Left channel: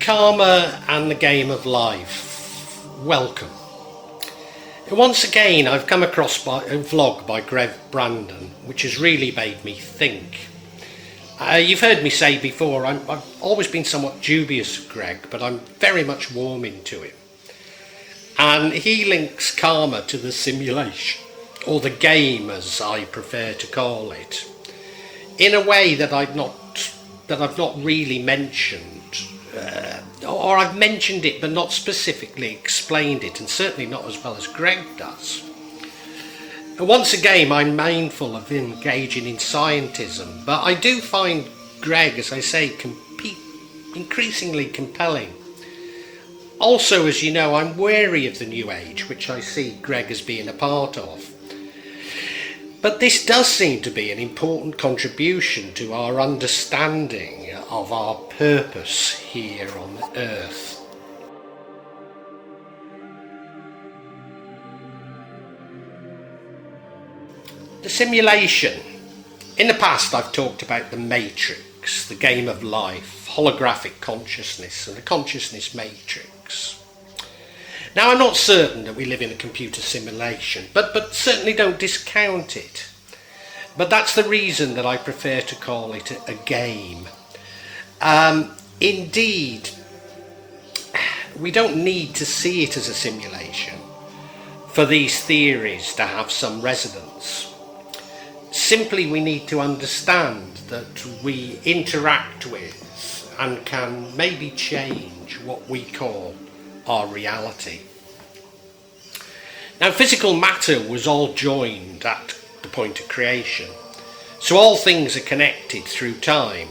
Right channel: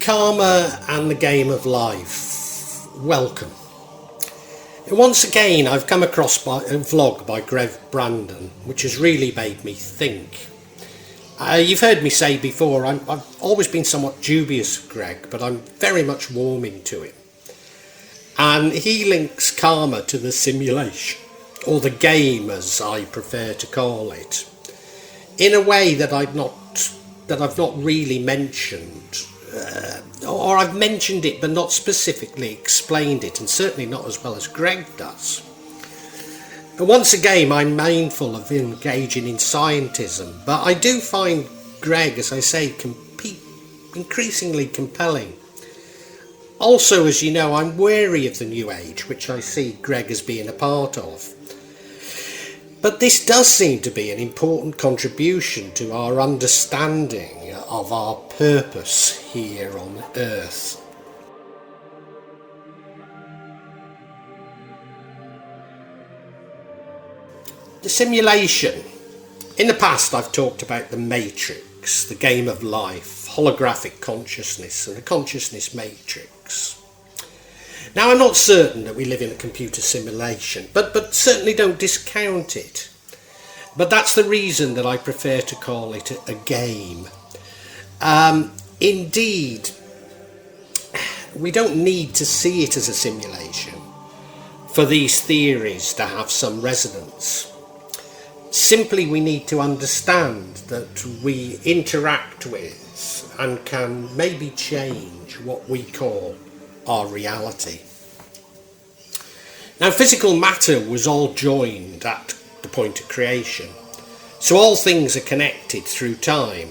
Karma and the game of life. Welcome. Once again, I've come across a vlog by Greg Brandon, which has really made me think. You've heard me say before, I've always been somewhat dubious of Greg, but I'm very much warming to him. And he links karma to the simulation, or the game as I prefer to call it, in a way that I've not really mentioned, or I've mentioned it but not specifically explained it, and certainly not as well as Greg does. And once again, I'm mindful of engaging in scientism, but I do find Greg, as I say, increasingly compelling. Also, as you know, I'm wary of the New Age, which I see Greg as being a part of. But this does seem to be an important contribution to our understanding of our purpose here on Earth. The simulation. In the past, I've talked about the matrix, the game of life, holographic consciousness, and the consciousness matrix. Now, I'm not certain that we live in a computer simulation, but certainly don't discount it. But that's the reason that I prefer to call it a game. Indeed, we don't need to see it as a simulation for these theories to have some resonance. Simply, we need to understand that we interact with and can maybe change what we call our reality. Now, physical matter was all joined at the point of creation, so all things are connected through time.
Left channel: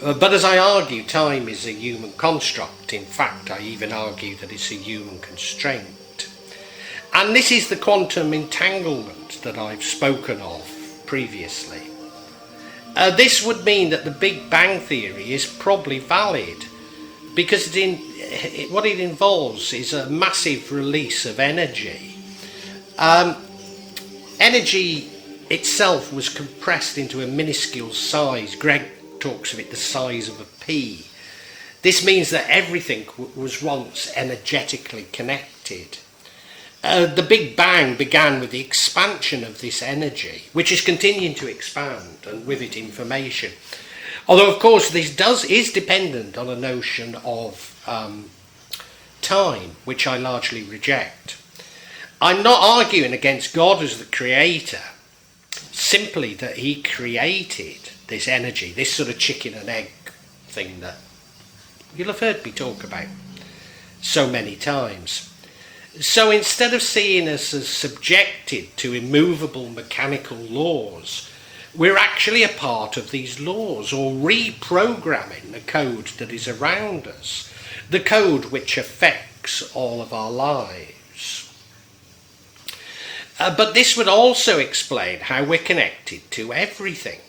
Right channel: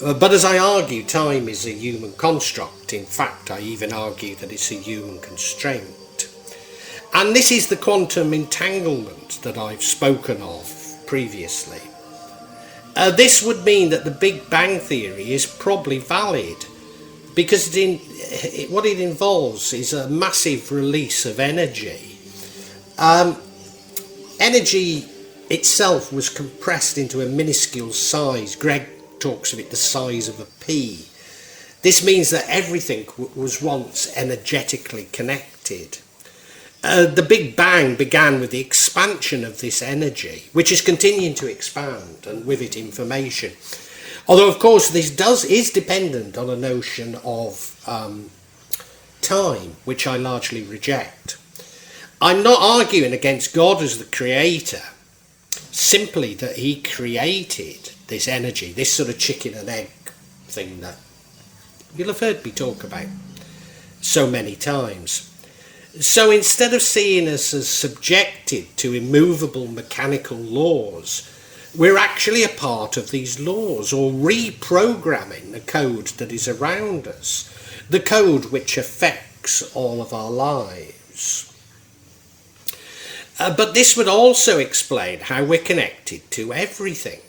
But as I argue, time is a human construct. In fact, I even argue that it's a human constraint. And this is the quantum entanglement that I've spoken of previously. This would mean that the Big Bang Theory is probably valid, because what it involves is a massive release of energy. Energy itself was compressed into a minuscule size. Greg talks of it the size of a pea. This means that everything was once energetically connected. The Big Bang began with the expansion of this energy, which is continuing to expand, and with it information. Although, of course, this is dependent on a notion of time, which I largely reject. I'm not arguing against God as the creator, simply that he created this energy, this sort of chicken and egg thing that you'll have heard me talk about so many times. So instead of seeing us as subjected to immovable mechanical laws, we're actually a part of these laws, or reprogramming the code that is around us, the code which affects all of our lives. But this would also explain how we're connected to everything.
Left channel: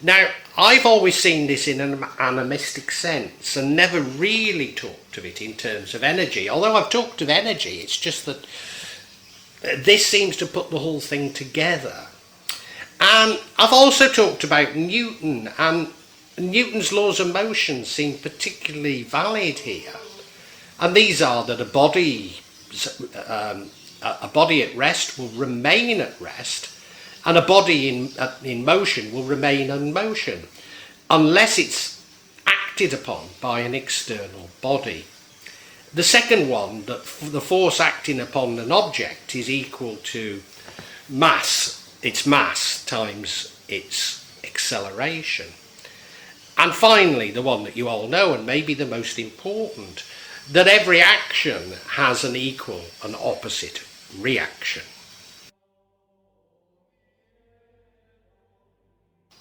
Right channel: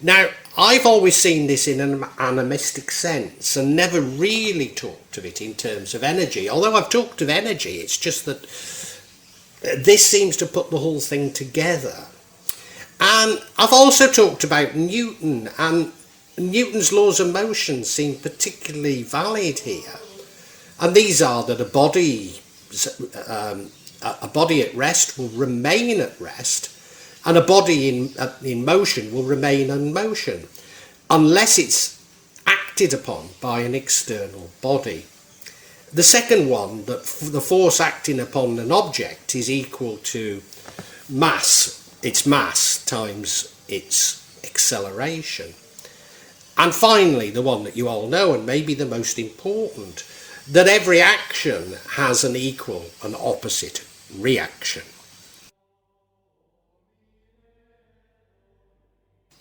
Now, I've always seen this in an animistic sense and never really talked of it in terms of energy. Although I've talked of energy, it's just that this seems to put the whole thing together. And I've also talked about Newton, and Newton's laws of motion seem particularly valid here. And these are that a body at rest will remain at rest, and a body in motion will remain in motion, unless it's acted upon by an external body. The second one, that the force acting upon an object is equal to its mass times its acceleration. And finally, the one that you all know, and maybe the most important, that every action has an equal and opposite reaction.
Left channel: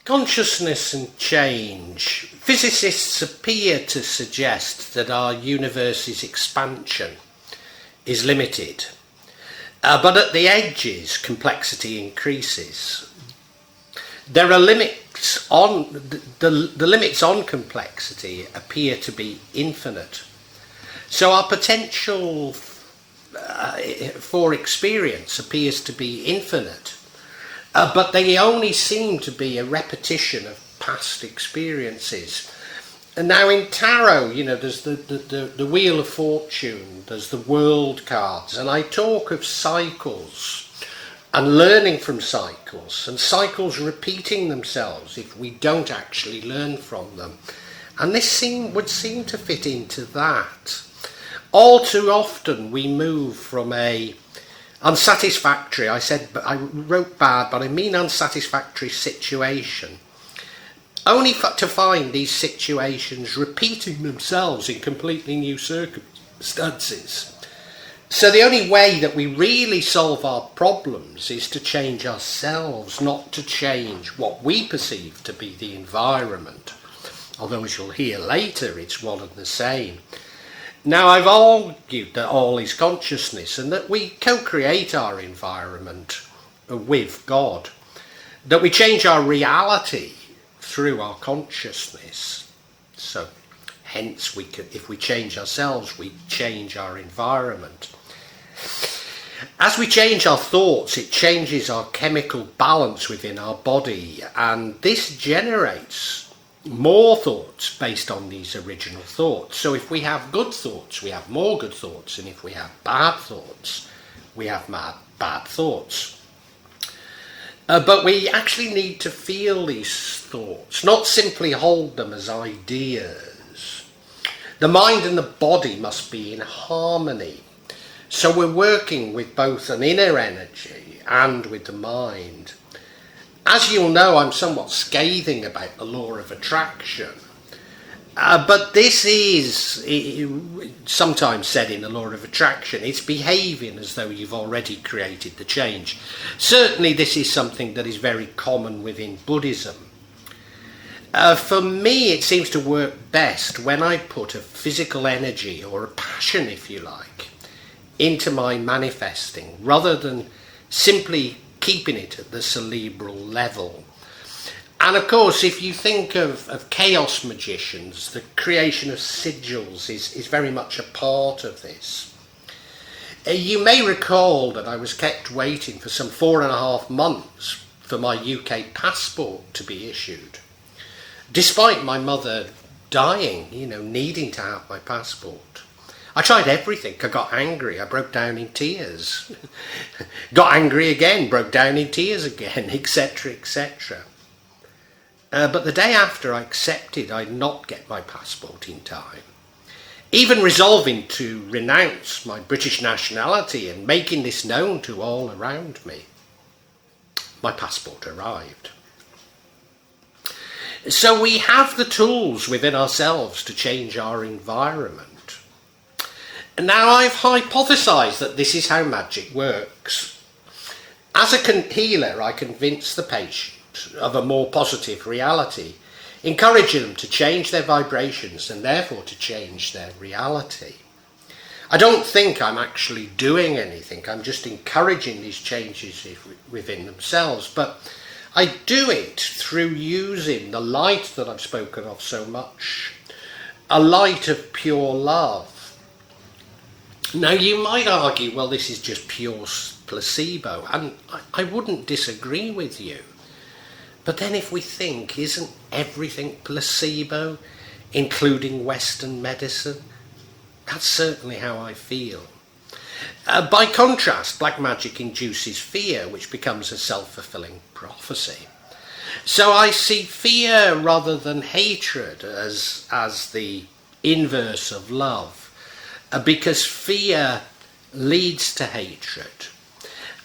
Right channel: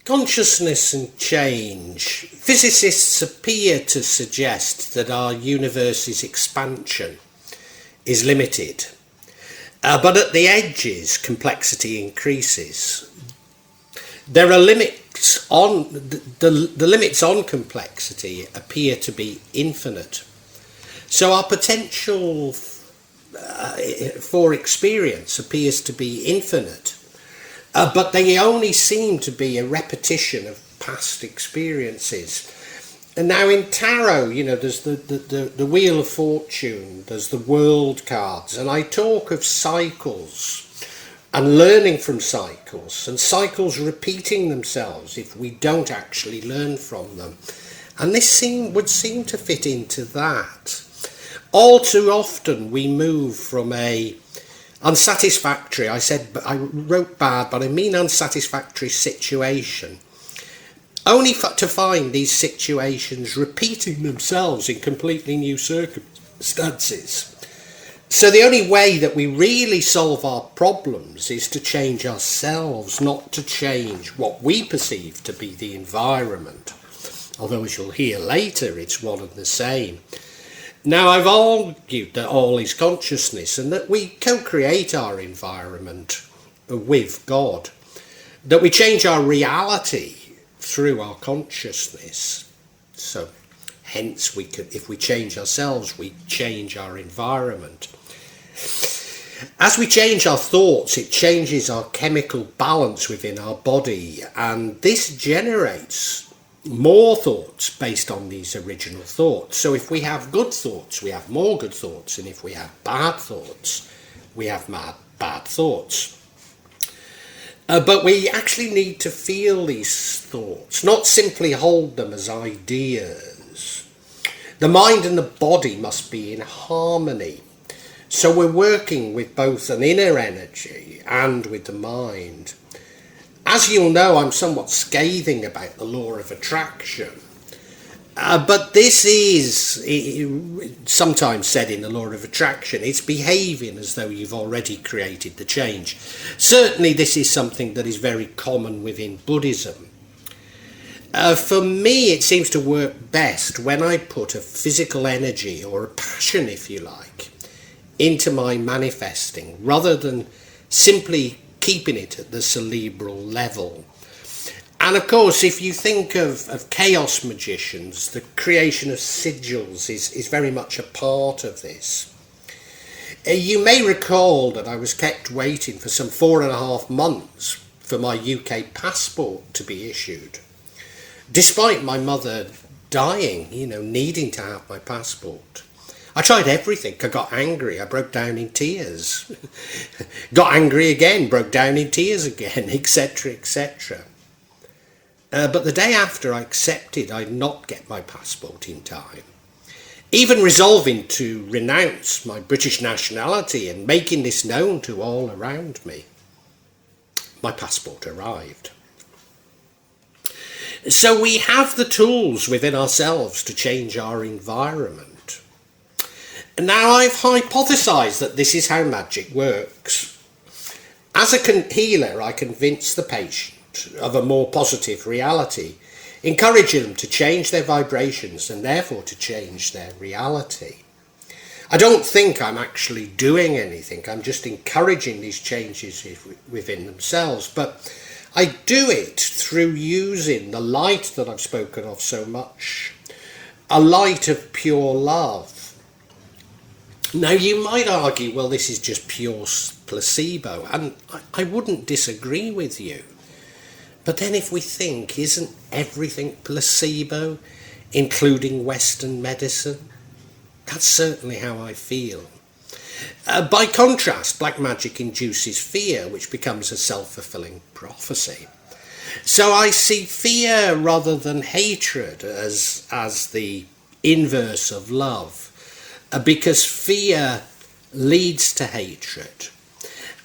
Consciousness and change. Physicists appear to suggest that our universe's expansion is limited, but at the edges, complexity increases. There are limits on the limits on complexity appear to be infinite. So our potential for experience appears to be infinite. But they only seem to be a repetition of past experiences. And now in tarot, there's the Wheel of Fortune, there's the World cards, and I talk of cycles and learning from cycles, and cycles repeating themselves if we don't actually learn from them. And this would seem to fit into that. All too often we move from a unsatisfactory, I wrote bad, but I mean unsatisfactory situation, only to find these situations repeating themselves in completely new circumstances. So the only way that we really solve our problems is to change ourselves, not to change what we perceive to be the environment. Although, as you'll hear later, it's one and the same. Now, I've argued that all is consciousness and that we co-create our environment with God, that we change our reality through our consciousness. So hence if we change ourselves, we change our environment. As we change our thoughts, it changes our chemical balance within our body, and this generates more thoughts based on these original thoughts. So if we have good thoughts, we have more good thoughts, and if we have bad thoughts, we have bad thoughts. But we actually need to feel these thoughts, not simply hold them as ideas. The mind and the body must be in harmony. So we're working with both an inner energy and with the mind. As you'll know, I'm somewhat scathing about the law of attraction. But this is sometimes said in the law of attraction, it's behaving as though you've already created the change. Certainly this is something that is very common within Buddhism. For me, it seems to work best when I put a physical energy, or a passion if you like, into my manifesting, rather than simply keeping it at the cerebral level. And of course, if you think of chaos magicians, the creation of sigils is very much a part of this. You may recall that I was kept waiting for some 4.5 months for my UK passport to be issued, despite my mother dying, needing to have my passport. I tried everything. I got angry. I broke down in tears. Got angry again, broke down in tears again, etc., etc. But the day after I accepted I'd not get my passport in time, even resolving to renounce my British nationality and making this known to all around me, my passport arrived. So we have the tools within ourselves to change our environment. Now, I've hypothesised that this is how magic works. As a healer, I convince the patient of a more positive reality, encouraging them to change their vibrations and therefore to change their reality. I don't think I'm actually doing anything, I'm just encouraging these changes within themselves, but I do it through using the light that I've spoken of so much, a light of pure love. Now, you might argue, well, this is just pure placebo, and I wouldn't disagree with you. But then if we think, isn't everything placebo, including Western medicine? That's certainly how I feel. By contrast, black magic induces fear, which becomes a self-fulfilling prophecy. So I see fear rather than hatred as the inverse of love, because fear leads to hatred.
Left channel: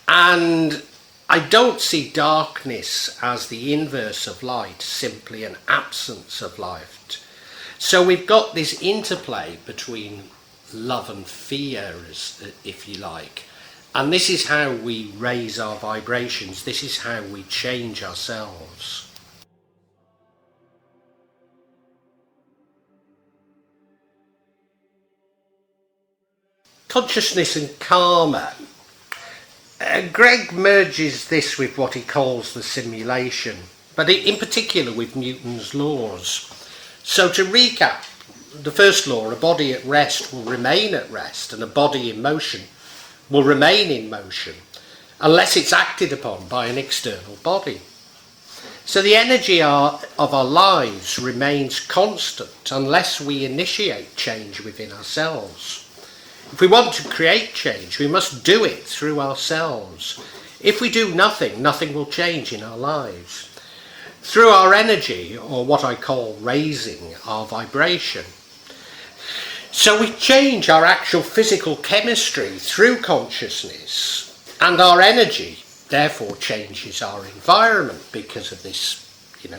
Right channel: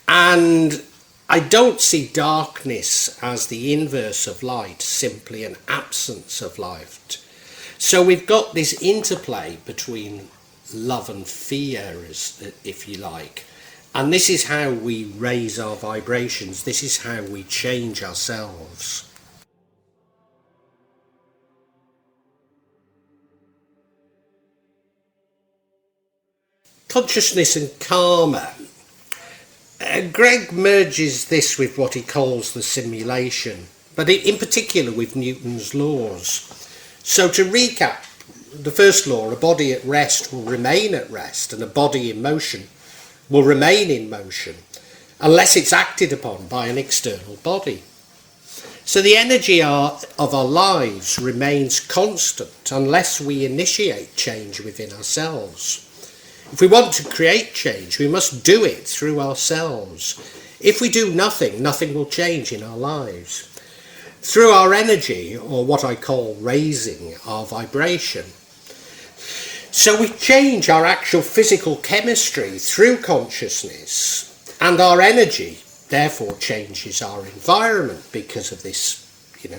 And I don't see darkness as the inverse of light, simply an absence of light. So we've got this interplay between love and fear, if you like. And this is how we raise our vibrations. This is how we change ourselves. Consciousness and karma. Greg merges this with what he calls the simulation, but in particular with Newton's laws. So to recap, the first law, a body at rest will remain at rest, and a body in motion will remain in motion unless it's acted upon by an external body. So the energy of our lives remains constant unless we initiate change within ourselves. If we want to create change, we must do it through ourselves. If we do nothing, nothing will change in our lives. Through our energy, or what I call raising our vibration. So we change our actual physical chemistry through consciousness, and our energy therefore changes our environment because of this,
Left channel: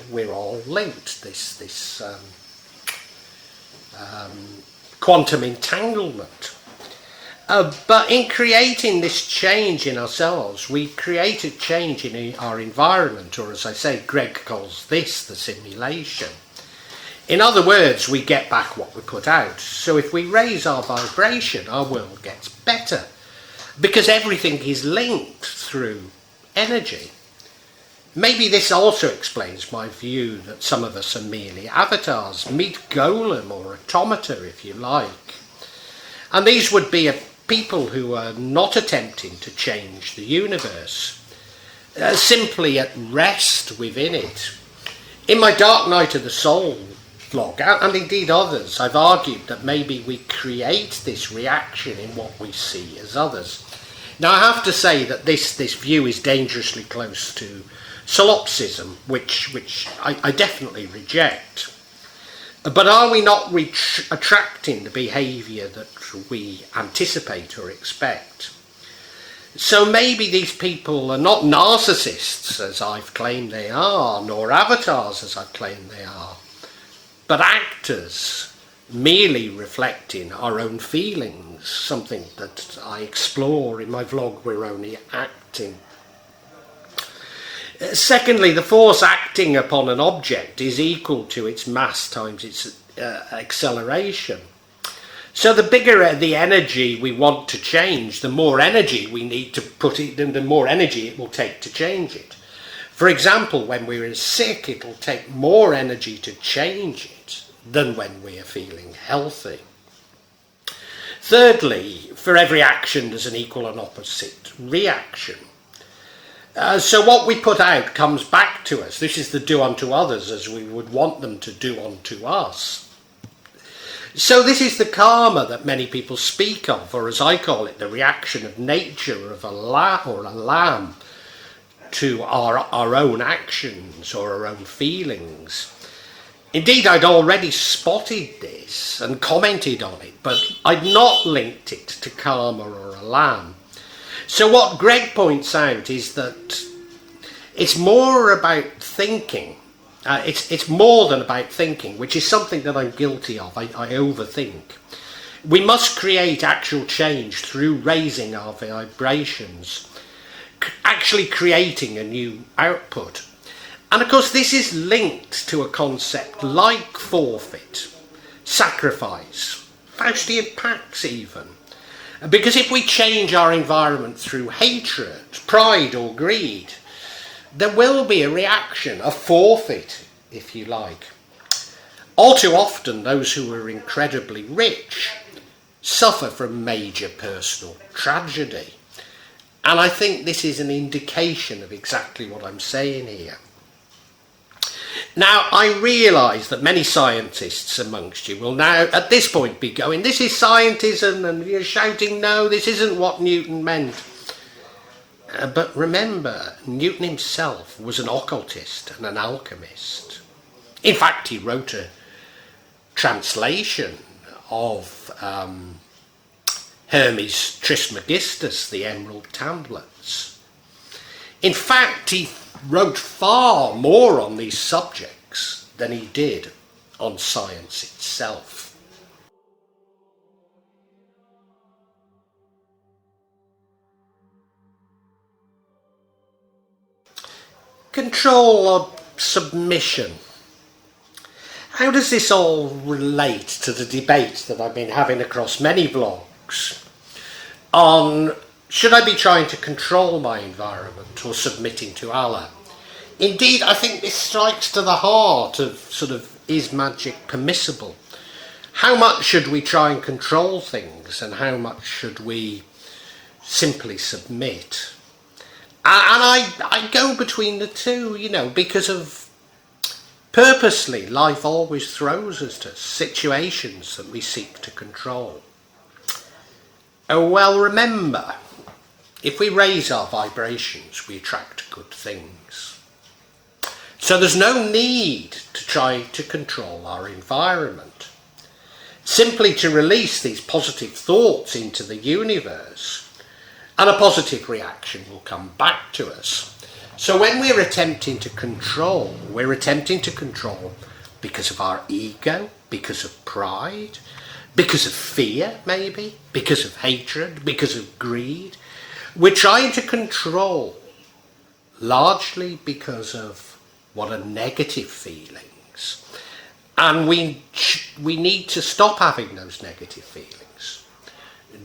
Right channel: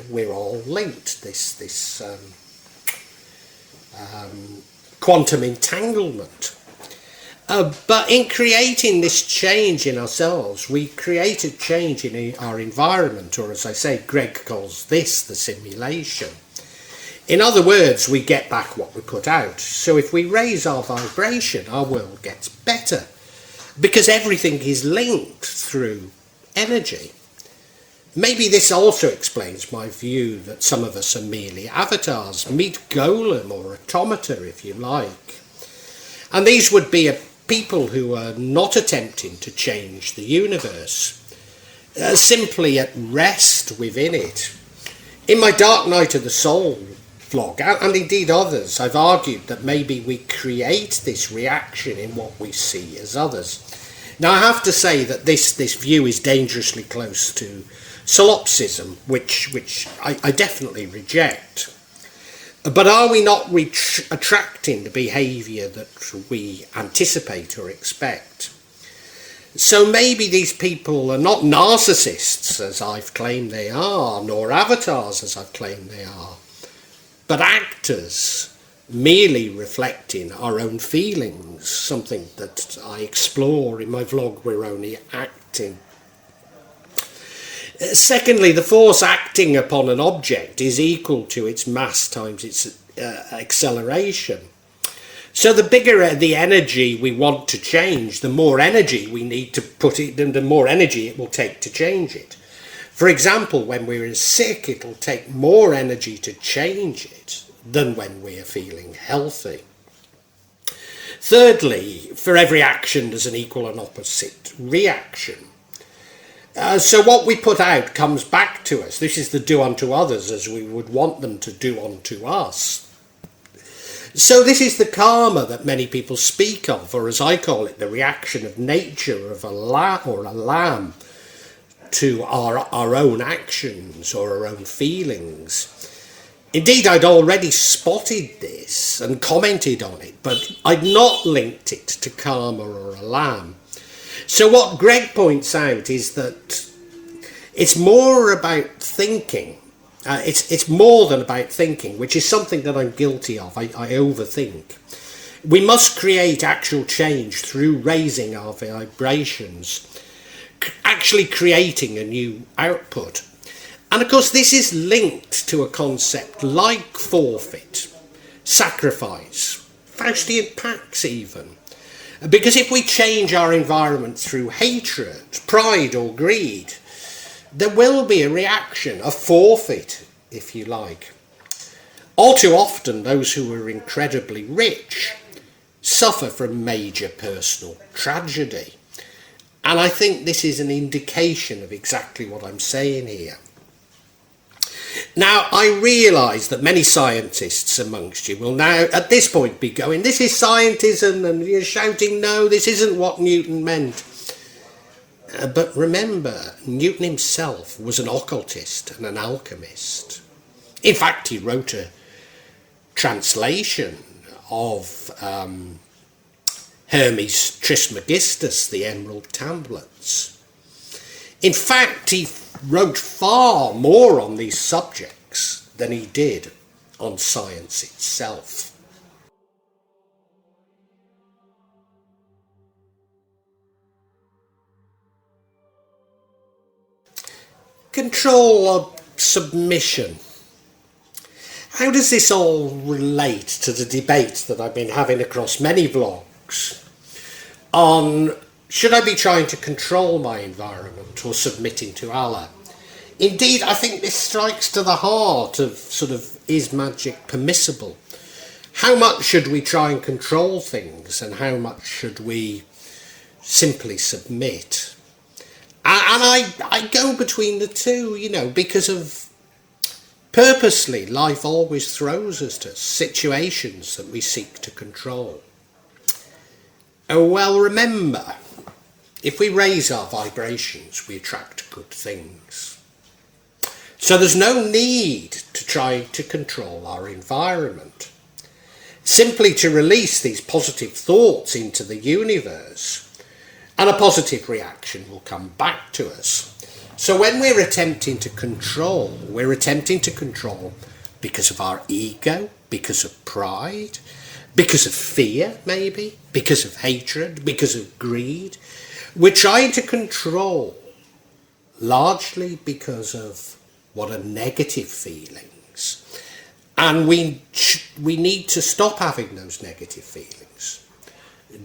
we're all linked, this quantum entanglement. But in creating this change in ourselves, we create a change in our environment, or as I say, Greg calls this the simulation. In other words, we get back what we put out. So if we raise our vibration, our world gets better, because everything is linked through energy. Maybe this also explains my view that some of us are merely avatars, meet golem or automata if you like. And these would be people who are not attempting to change the universe, simply at rest within it. In my Dark Night of the Soul vlog, and indeed others, I've argued that maybe we create this reaction in what we see as others. Now I have to say that this view is dangerously close to solipsism, which I definitely reject. But are we not attracting the behaviour that we anticipate or expect? So maybe these people are not narcissists, as I've claimed they are, nor avatars, as I've claimed they are, but actors, merely reflecting our own feelings, something that I explore in my vlog, We're Only Acting. Secondly, the force acting upon an object is equal to its mass times its acceleration. So the bigger the energy we want to change, the more energy we need to put it, and the more energy it will take to change it. For example, when we're sick, it'll take more energy to change it than when we are feeling healthy. Thirdly, for every action there's an equal and opposite reaction. So what we put out comes back to us. This is the do unto others as we would want them to do unto us. So this is the karma that many people speak of, or as I call it, the reaction of nature of a lamb to our own actions or our own feelings. Indeed, I'd already spotted this and commented on it, but I'd not linked it to karma or a lamb. So what Greg points out is that it's more about thinking. It's more than about thinking, which is something that I'm guilty of. I overthink. We must create actual change through raising our vibrations, actually creating a new output. And of course this is linked to a concept like forfeit, sacrifice, Faustian pacts even. Because if we change our environment through hatred, pride or greed, there will be a reaction, a forfeit, if you like. All too often, those who are incredibly rich suffer from major personal tragedy. And I think this is an indication of exactly what I'm saying here. Now, I realise that many scientists amongst you will now, at this point, be going, this is scientism, and you're shouting, no, this isn't what Newton meant. But remember, Newton himself was an occultist and an alchemist. In fact, he wrote a translation of Hermes Trismegistus, the Emerald Tablets. In fact, he wrote far more on these subjects than he did on science itself. Control or submission. How does this all relate to the debate that I've been having across many vlogs on should I be trying to control my environment or submitting to Allah? Indeed, I think this strikes to the heart of is magic permissible? How much should we try and control things, and how much should we simply submit? And I go between the two, because of Purposely, life always throws us to situations that we seek to control. Oh, well, remember, if we raise our vibrations, we attract good things. So there's no need to try to control our environment. Simply to release these positive thoughts into the universe, and a positive reaction will come back to us. So when we're attempting to control, we're attempting to control because of our ego, because of pride, because of fear maybe, because of hatred, because of greed. We're trying to control largely because of what are negative feelings. And we need to stop having those negative feelings.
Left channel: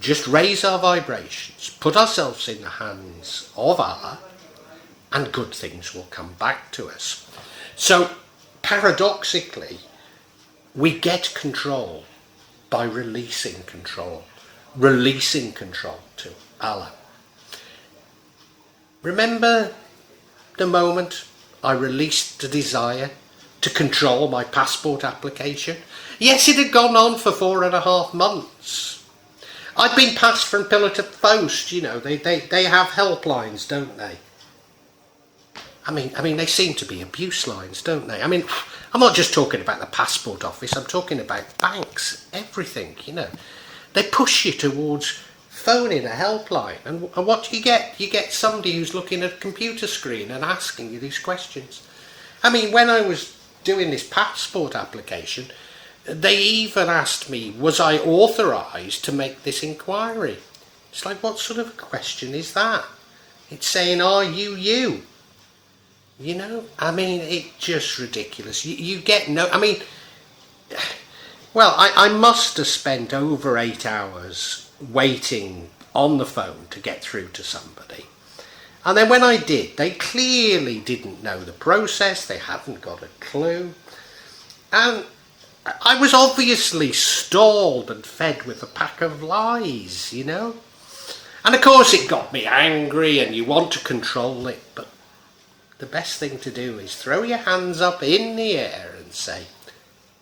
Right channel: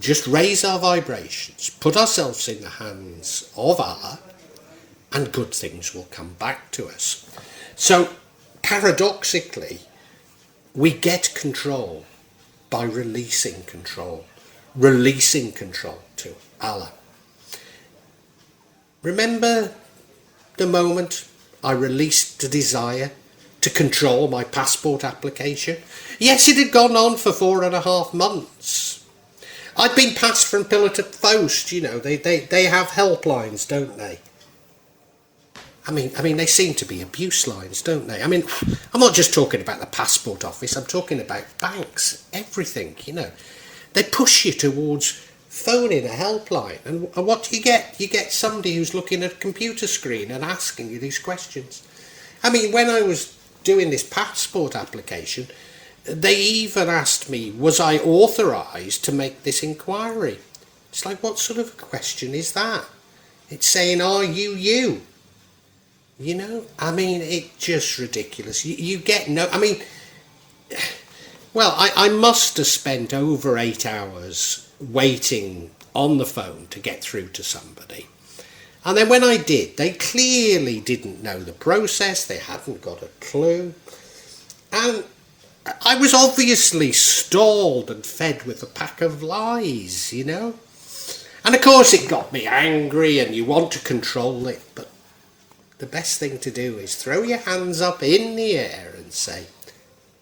Just raise our vibrations, put ourselves in the hands of Allah, and good things will come back to us. So, paradoxically, we get control by releasing control to Allah. Remember the moment I released the desire to control my passport application? Yes, it had gone on for 4.5 months. I'd been passed from pillar to post, you know, they have helplines, don't they? I mean, they seem to be abuse lines, don't they? I mean, I'm not just talking about the passport office, I'm talking about banks, everything, you know. They push you towards phoning a helpline, and what do you get? You get somebody who's looking at a computer screen and asking you these questions. I mean, when I was doing this passport application, they even asked me, was I authorised to make this inquiry? It's like, what sort of a question is that? It's saying, are you? You know, I mean, it's just ridiculous. You get no, I mean, well, I must have spent over 8 hours waiting on the phone to get through to somebody. And then when I did, they clearly didn't know the process, they hadn't got a clue. And I was obviously stalled and fed with a pack of lies, you know. And of course it got me angry, and you want to control it, but the best thing to do is throw your hands up in the air and say,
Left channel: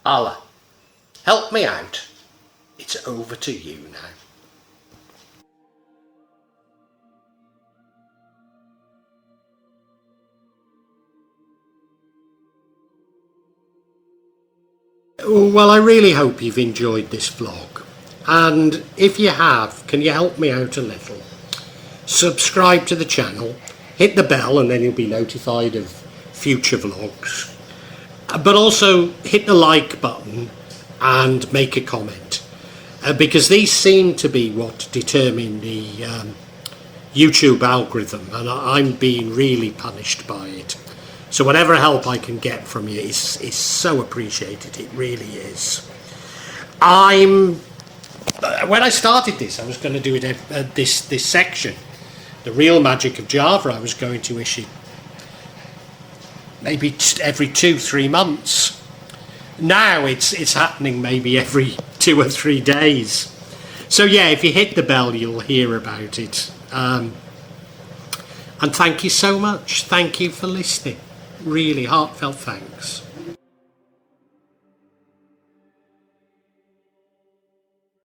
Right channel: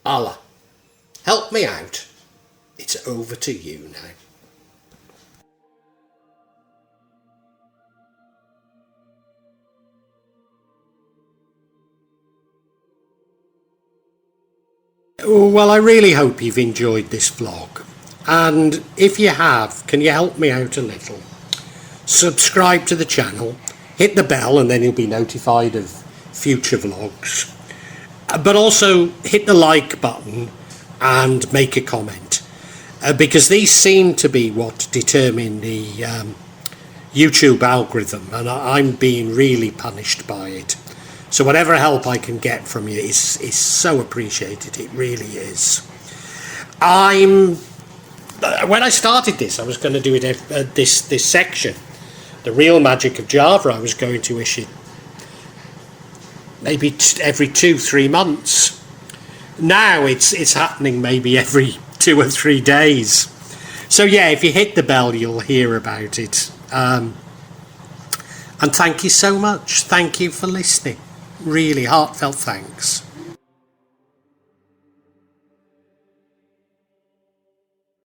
Allah, help me out. It's over to you now. Well, I really hope you've enjoyed this vlog. And if you have, can you help me out a little? Subscribe to the channel, hit the bell, and then you'll be notified of future vlogs. But also hit the like button and make a comment, because these seem to be what determine the YouTube algorithm, and I'm being really punished by it. So whatever help I can get from you is so appreciated. It really is. When I started this, I was going to do it this section, the real magic of Java. I was going to issue maybe every 2-3 months. Now it's happening maybe every 2 or 3 days. So yeah, if you hit the bell, you'll hear about it. And thank you so much. Thank you for listening. Really heartfelt thanks.